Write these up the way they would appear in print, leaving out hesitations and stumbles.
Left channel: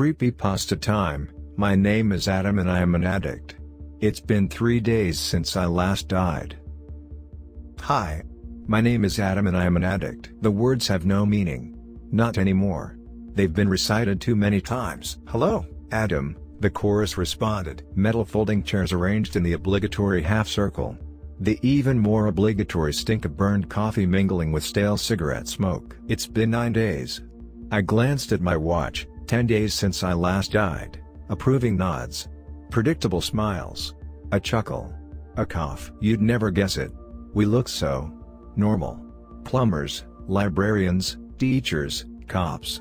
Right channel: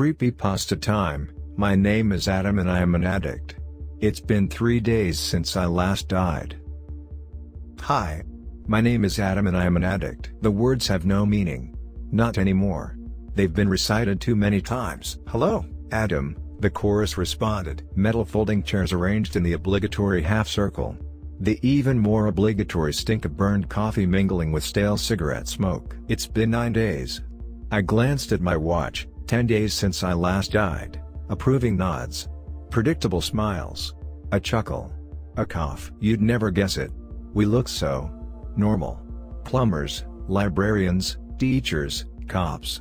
Creepypasta Time. My name is Adam and I am an addict. It's been 3 days since I last died. Hi. My name is Adam and I am an addict. The words have no meaning. Not anymore. They've been recited too many times. Hello, Adam, the chorus responded. Metal folding chairs arranged in the obligatory half circle. The even more obligatory stink of burned coffee mingling with stale cigarette smoke. It's been 9 days. I glanced at my watch. 10 days since I last died. Approving nods. Predictable smiles. A chuckle. A cough. You'd never guess it. We look so normal. Plumbers, librarians, teachers, cops.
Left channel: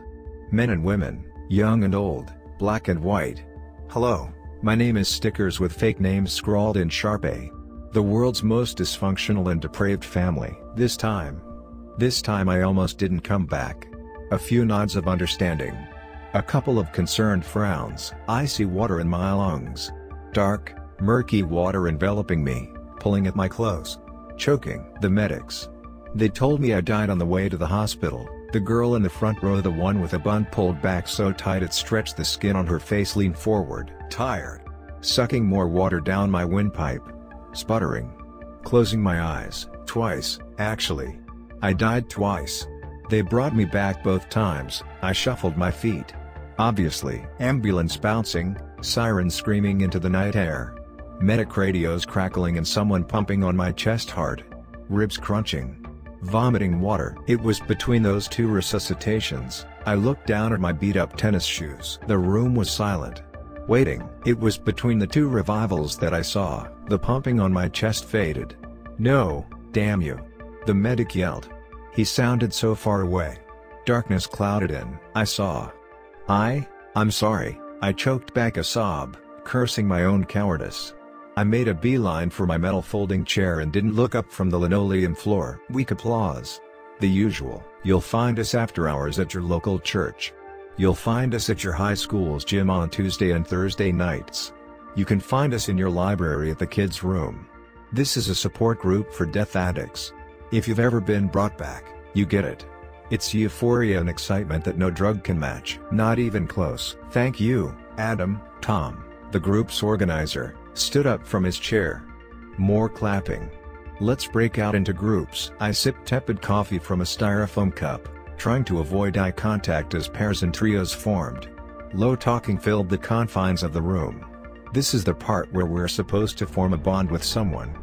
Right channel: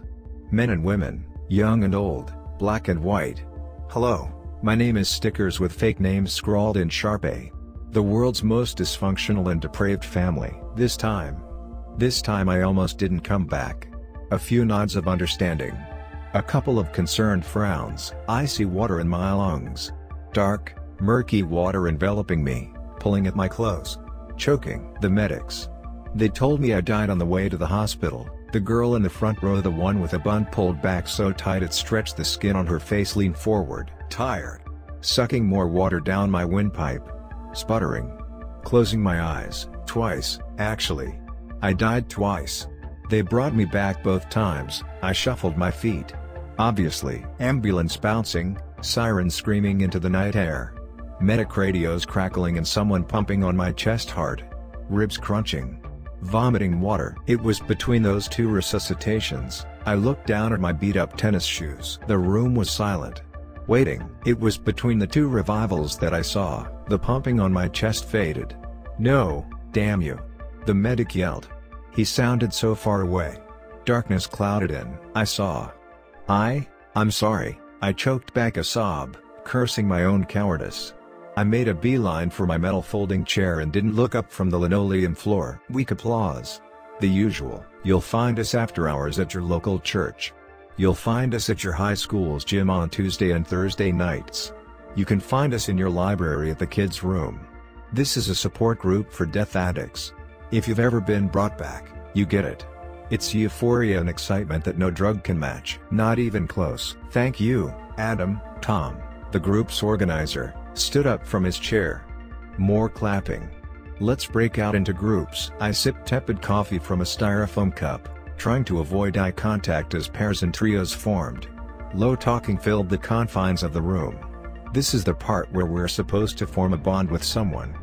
Men and women, young and old, black and white. Hello, my name is stickers with fake names scrawled in Sharpie. The world's most dysfunctional and depraved family. This time I almost didn't come back. A few nods of understanding. A couple of concerned frowns. Icy water in my lungs. Dark, murky water enveloping me, pulling at my clothes. Choking. The medics. They told me I died on the way to the hospital. The girl in the front row, the one with a bun pulled back so tight it stretched the skin on her face, leaned forward. Tired. Sucking more water down my windpipe. Sputtering. Closing my eyes. Twice, actually. I died twice. They brought me back both times. I shuffled my feet. Obviously. Ambulance bouncing, sirens screaming into the night air. Medic radios crackling and someone pumping on my chest hard. Ribs crunching. Vomiting water. It was between those two resuscitations. I looked down at my beat-up tennis shoes. The room was silent. Waiting. It was between the two revivals that I saw. The pumping on my chest faded. No, damn you. The medic yelled. He sounded so far away. Darkness clouded in. I saw. I'm sorry, I choked back a sob, cursing my own cowardice. I made a beeline for my metal folding chair and didn't look up from the linoleum floor. Weak applause. The usual. You'll find us after hours at your local church. You'll find us at your high school's gym on Tuesday and Thursday nights. You can find us in your library at the kids' room. This is a support group for death addicts. If you've ever been brought back, you get it. It's euphoria and excitement that no drug can match. Not even close. Thank you, Adam. Tom, the group's organizer, stood up from his chair. More clapping. Let's break out into groups. I sipped tepid coffee from a styrofoam cup, trying to avoid eye contact as pairs and trios formed. Low talking filled the confines of the room. This is the part where we're supposed to form a bond with someone.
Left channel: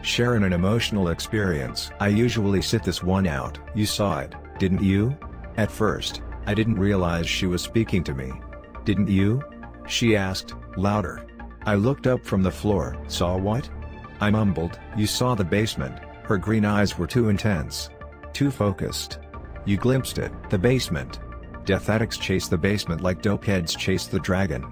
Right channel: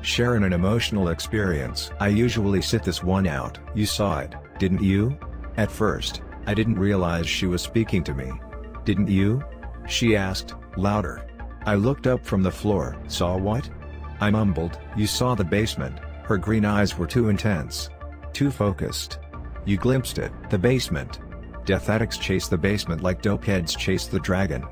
Share an emotional experience. I usually sit this one out. You saw it, didn't you? At first, I didn't realize she was speaking to me. Didn't you? She asked, louder. I looked up from the floor. Saw what? I mumbled. You saw the basement. Her green eyes were too intense. Too focused. You glimpsed it. The basement. Death addicts chase the basement like dopeheads chase the dragon.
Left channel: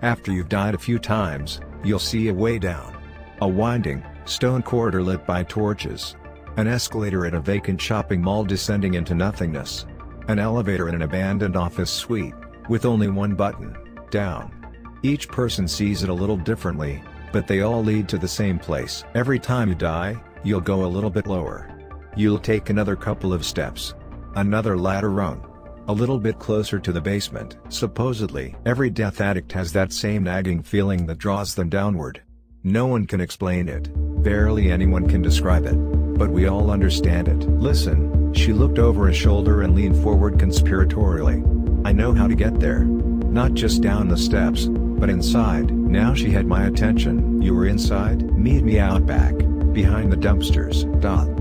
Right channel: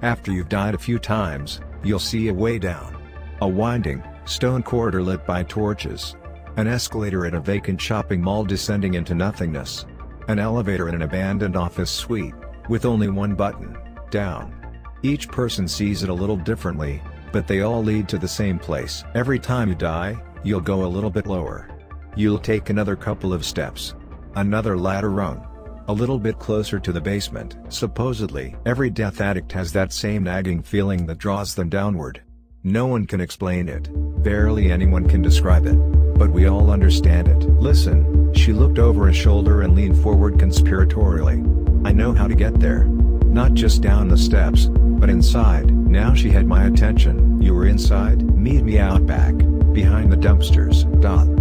After you've died a few times, you'll see a way down. A winding, stone corridor lit by torches. An escalator at a vacant shopping mall descending into nothingness. An elevator in an abandoned office suite, with only one button, down. Each person sees it a little differently, but they all lead to the same place. Every time you die, you'll go a little bit lower. You'll take another couple of steps. Another ladder rung. A little bit closer to the basement. Supposedly, every death addict has that same nagging feeling that draws them downward. No one can explain it. Barely anyone can describe it. But we all understand it. Listen, she looked over a shoulder and leaned forward conspiratorially. I know how to get there. Not just down the steps, but inside. Now she had my attention. You were inside? Meet me out back, behind the dumpsters.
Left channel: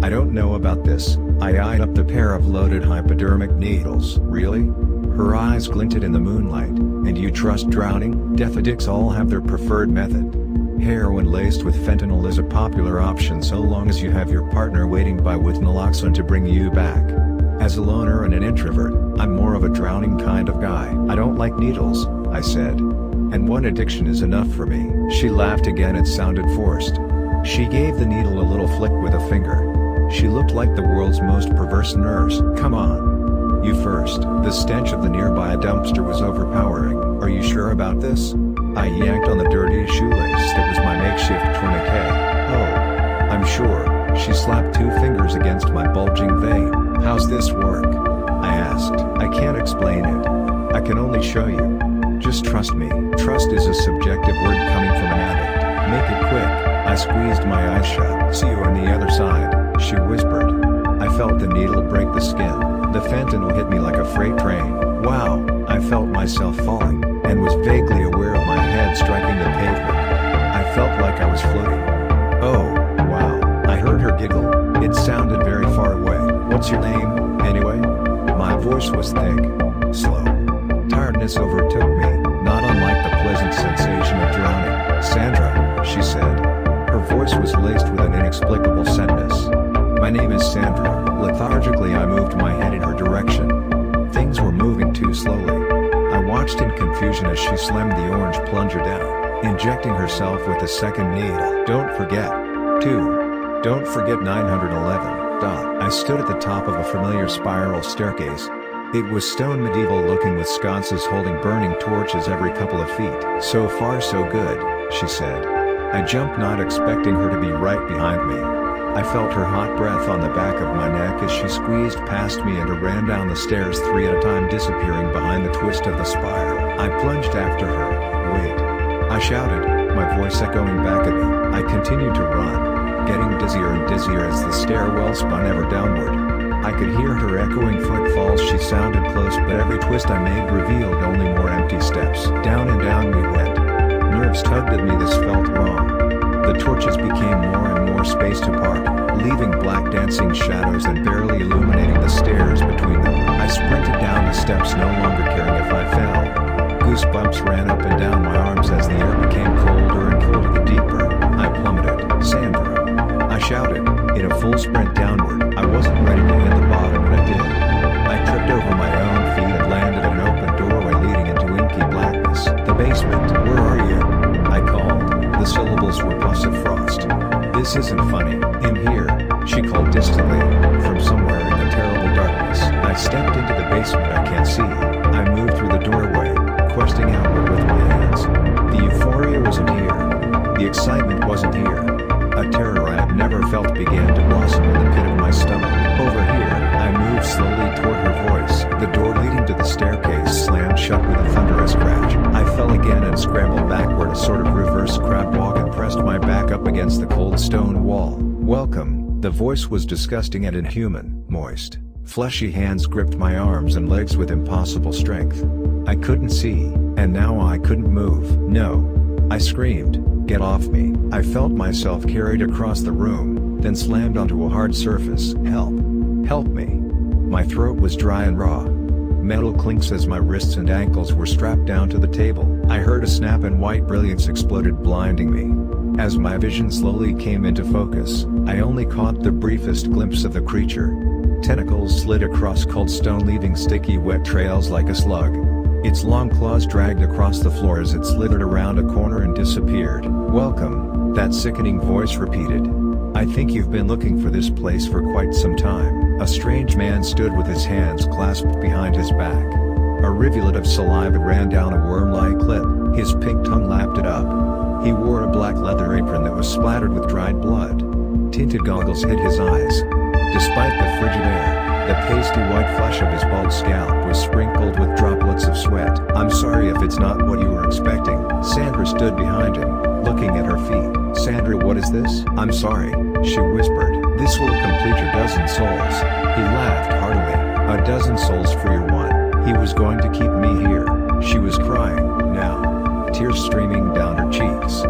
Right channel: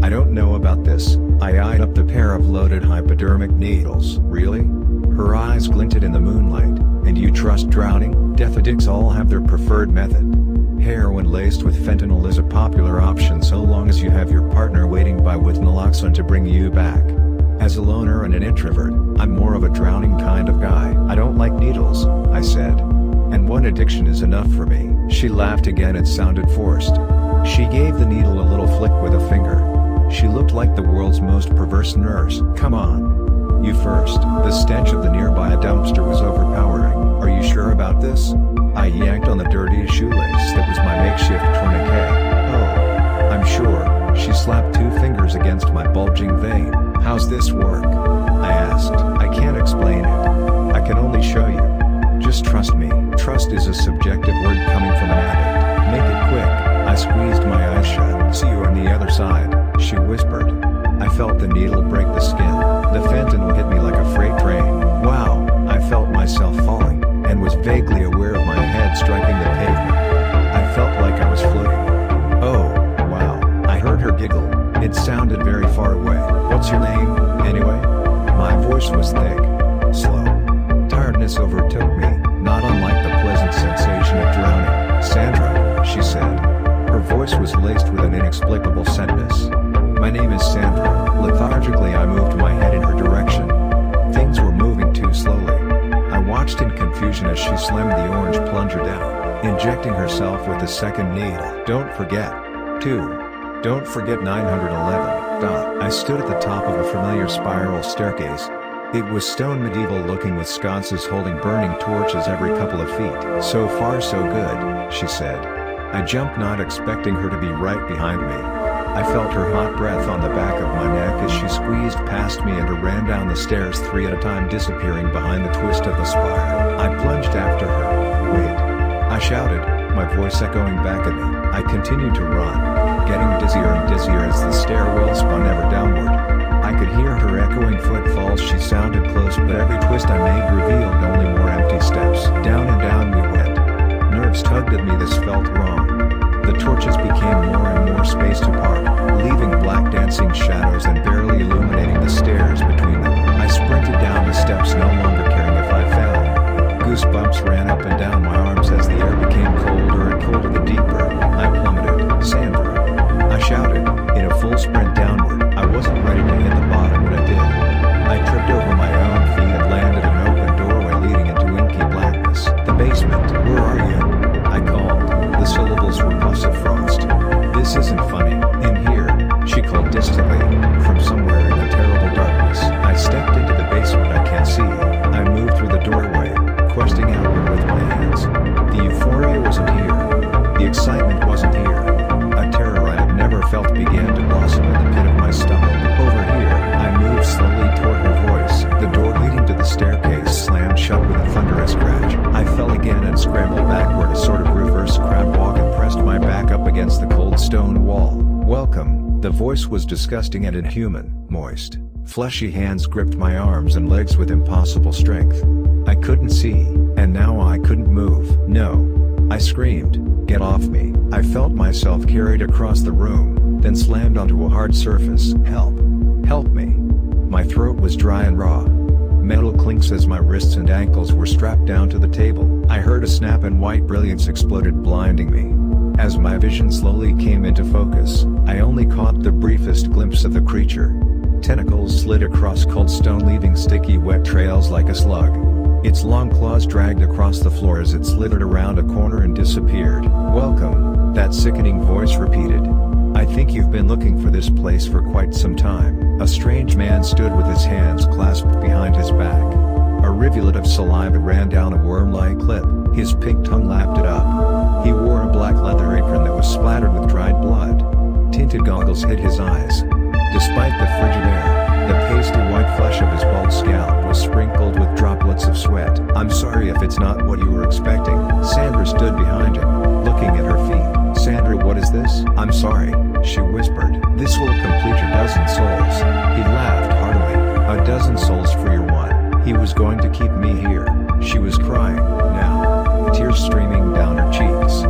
I don't know about this. I eyed up the pair of loaded hypodermic needles. Really? Her eyes glinted in the moonlight. And you trust drowning? Death addicts all have their preferred method. Heroin laced with fentanyl is a popular option so long as you have your partner waiting by with naloxone to bring you back. As a loner and an introvert, I'm more of a drowning kind of guy. I don't like needles, I said. And one addiction is enough for me. She laughed again. It sounded forced. She gave the needle a little flick with a finger. She looked like the world's most perverse nurse. Come on. You first. The stench of the nearby dumpster was overpowering. Are you sure about this? I yanked on the dirty shoelace that was my makeshift tourniquet. Oh. I'm sure. She slapped 2 fingers against my bulging vein. How's this work? I asked. I can't explain it. I can only show you. Just trust me. Trust is a subjective word coming from an addict. Make it quick. I squeezed my eyes shut. See you on the other side, she whispered. I felt the needle break the skin. The fentanyl hit me like a freight train. Wow, I felt myself falling, and was vaguely aware of my head striking the pavement. I felt like I was floating. Oh, wow, I heard her giggle. It sounded very far away. What's your name, anyway? My voice was thick, slow. Tiredness overtook me, not unlike the pleasant sensation of drowning. Sandra, she said. Her voice was laced with an inexplicable sadness. My name is Sandra. Lethargically I moved my head in her direction. Things were moving too slowly. I watched in confusion as she slammed the orange plunger down, injecting herself with the second needle. Don't forget. 2. Don't forget 911. I stood at the top of a familiar spiral staircase. It was stone medieval looking with sconces holding burning torches every couple of feet. So far so good, she said. I jumped, not expecting her to be right behind me. I felt her hot breath on the back of my neck as she squeezed past me and ran down the stairs 3 at a time, disappearing behind the twist of the spiral. I plunged after her. Wait! I shouted, my voice echoing back at me. I continued to run, getting dizzier and dizzier as the stairwell spun ever downward. I could hear her echoing footfalls. She sounded close, but every twist I made revealed only more empty steps. Down and down we went. Nerves tugged at me. This felt wrong. The torches became more and more spaced apart, leaving black dancing shadows and barely illuminating the stairs between them. I sprinted down the steps, no longer caring if I fell. Goosebumps ran up and down my arms as the air became colder and colder the deeper I plummeted. Sandra! I shouted, in a full sprint downward. I wasn't ready to hit the bottom when I did. I tripped over my own feet and landed at an open doorway leading into inky blackness. The basement. Where are you? I called. The syllables were puffs of frost. This isn't funny. In here, she called distantly, from somewhere in the terrible darkness. I stepped into the basement. I can't see. I moved through the doorway, questing outward with my hands. The euphoria wasn't here. The excitement wasn't here. A terror I had never felt began to blossom in the pit of my stomach. Over here, I moved slowly toward her voice. The door leading to the staircase slammed shut with a thunderous crash. I fell again and scrambled backward, a sort of reverse crab walk, and pressed my back up against the cold stone wall. Welcome. The voice was disgusting and inhuman. Moist, fleshy hands gripped my arms and legs with impossible strength. I couldn't see, and now I couldn't move. No! I screamed. Get off me. I felt myself carried across the room, then slammed onto a hard surface. Help! Help me! My throat was dry and raw. Metal clinks as my wrists and ankles were strapped down to the table. I heard a snap and white brilliance exploded, blinding me. As my vision slowly came into focus, I only caught the briefest glimpse of the creature. Tentacles slid across cold stone, leaving sticky wet trails like a slug. Its long claws dragged across the floor as it slithered around a corner and disappeared. Welcome, that sickening voice repeated. I think you've been looking for this place for quite some time. A strange man stood with his hands clasped behind his back. A rivulet of saliva ran down a worm-like lip, his pink tongue lapped it up. He wore a black leather apron that was splattered with dried blood. Tinted goggles hid his eyes. Despite the frigid air, the pasty white flesh of his bald scalp was sprinkled with droplets of sweat. I'm sorry if it's not what you were expecting. Sandra stood behind him, looking at her feet. Sandra, what is this? I'm sorry, she whispered. This will complete your dozen souls. He laughed heartily. A dozen souls for your one. He was going to keep me here. She was crying, now, tears streaming down her cheeks.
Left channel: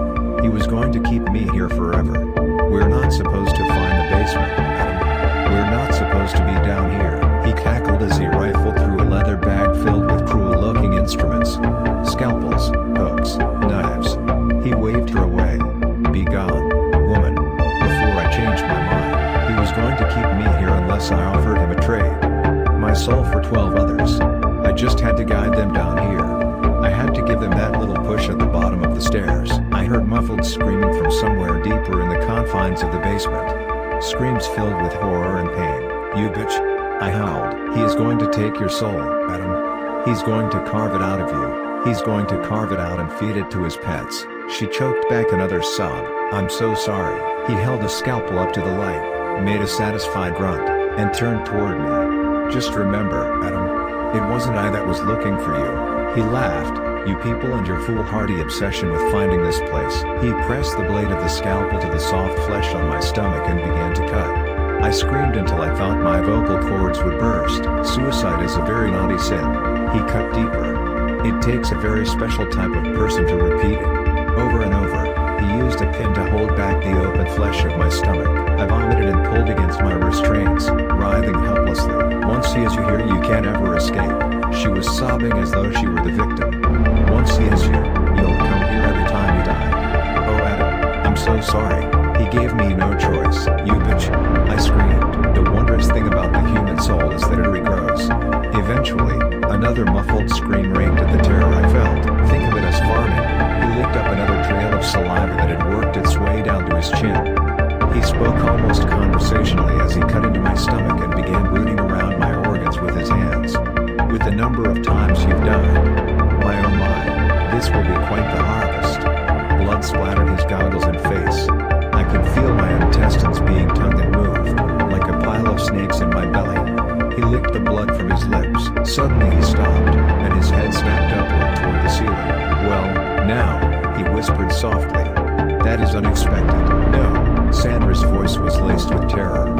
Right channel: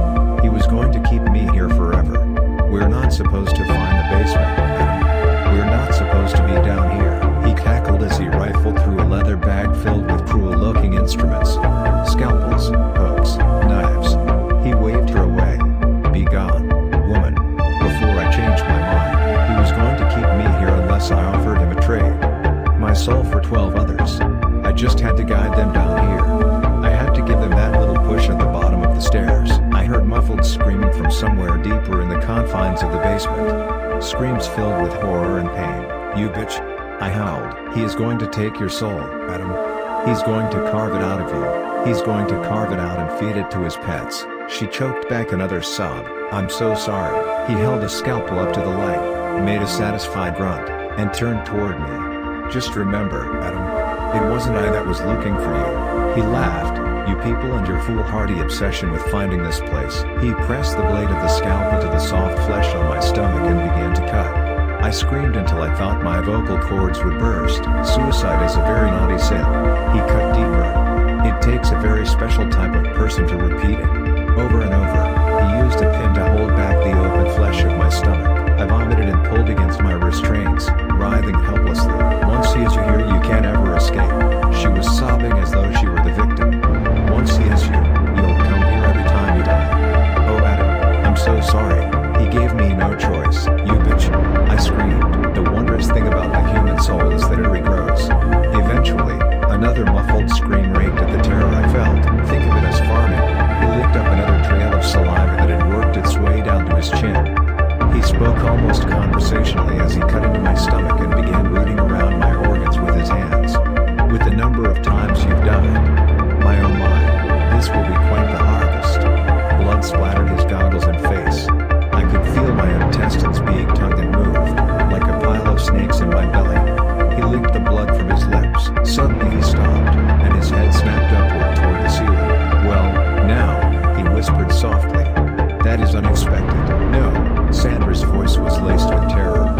He was going to keep me here forever. We're not supposed to find the basement, Adam. We're not supposed to be down here. He cackled as he rifled through a leather bag filled with cruel-looking instruments. Scalpels, hooks, knives. He waved her away. Be gone, woman. Before I changed my mind, he was going to keep me here unless I offered him a trade. My soul for 12 others. I just had to guide them down here. I had to give them that little push at the bottom of the stairs. I heard muffled screaming from somewhere deeper in the confines of the basement. Screams filled with horror and pain. You bitch! I howled. He is going to take your soul, Adam. He's going to carve it out of you. He's going to carve it out and feed it to his pets. She choked back another sob. I'm so sorry. He held a scalpel up to the light, made a satisfied grunt, and turned toward me. Just remember, Adam. It wasn't I that was looking for you. He laughed, You people and your foolhardy obsession with finding this place. He pressed the blade of the scalpel to the soft flesh on my stomach and began to cut. I screamed until I thought my vocal cords would burst. Suicide is a very naughty sin. He cut deeper. It takes a very special type of person to repeat it. Over and over. He used a pin to hold back the open flesh of my stomach. I vomited and pulled against my restraints, writhing helplessly. Once he has you here, you can't ever escape. She was sobbing as though she were the victim. Once he has you, you'll come here every time you die. Oh Adam, I'm so sorry. He gave me no choice. You bitch. I screamed. The wondrous thing about the human soul is that it regrows. Eventually, another muffled scream raked at the terror I felt. Think of it as farming. He licked up another trail of saliva that had worked its way down to his chin. He spoke almost conversationally as he cut into my stomach and began rooting around my organs with his hands. With the number of times you've died. My oh my, this will be quite the harvest. Blood splattered his goggles and face. I could feel my intestines being tugged and moved, like a pile of snakes in my belly. He licked the blood from his lips. Suddenly he stopped, and his head snapped upward toward the ceiling. Well, now, he whispered softly. That is unexpected. No, Sandra's voice was laced with terror.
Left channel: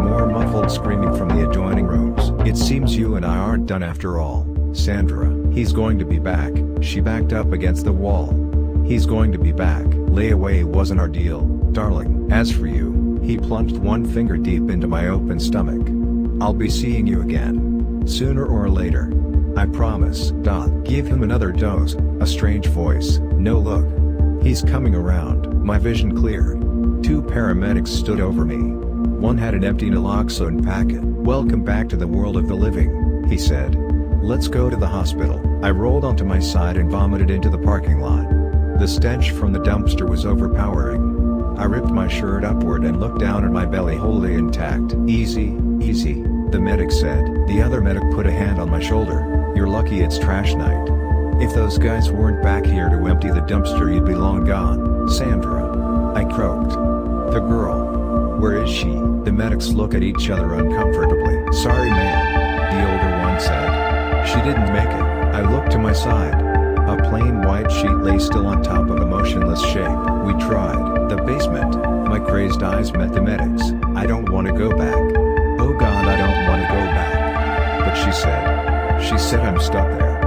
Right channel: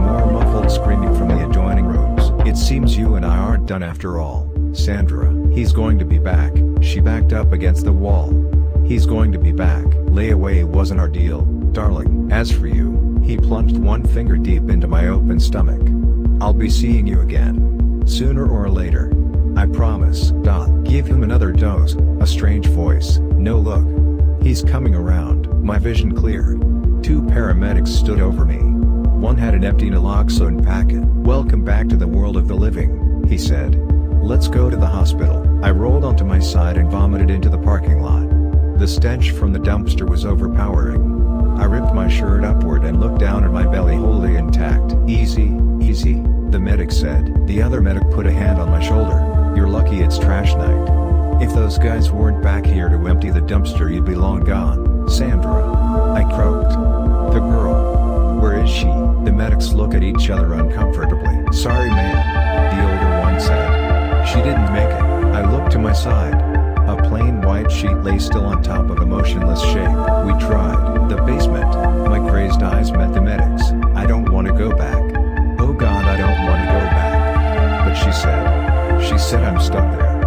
More muffled screaming from the adjoining rooms. It seems you and I aren't done after all, Sandra. He's going to be back. She backed up against the wall. He's going to be back. Layaway wasn't our deal, darling. As for you, he plunged one finger deep into my open stomach. I'll be seeing you again. Sooner or later. I promise. Give him another dose. A strange voice. No look. He's coming around. My vision cleared. Two paramedics stood over me. One had an empty naloxone packet. Welcome back to the world of the living, he said. Let's go to the hospital. I rolled onto my side and vomited into the parking lot. The stench from the dumpster was overpowering. I ripped my shirt upward and looked down at my belly wholly intact. Easy, easy, the medic said. The other medic put a hand on my shoulder. You're lucky it's trash night. If those guys weren't back here to empty the dumpster, you'd be long gone, Sandra. I croaked. The girl. Where is she? The medics look at each other uncomfortably. Sorry man, the older one said. She didn't make it. I looked to my side. A plain white sheet lay still on top of a motionless shape. We tried. The basement. My crazed eyes met the medics. I don't want to go back. Oh God, I don't want to go back. But she said I'm stuck there.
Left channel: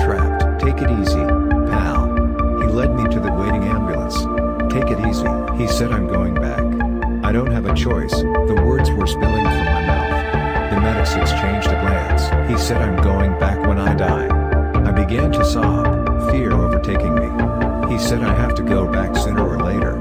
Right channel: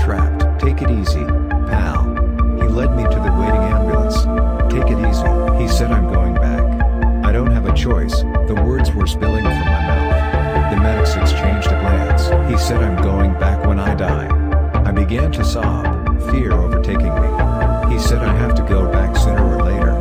Trapped. Take it easy, pal. He led me to the waiting ambulance. Take it easy. He said I'm going back. I don't have a choice. The words were spilling from my mouth. The medics exchanged a glance. He said I'm going back when I die. I began to sob, fear overtaking me. He said I have to go back sooner or later.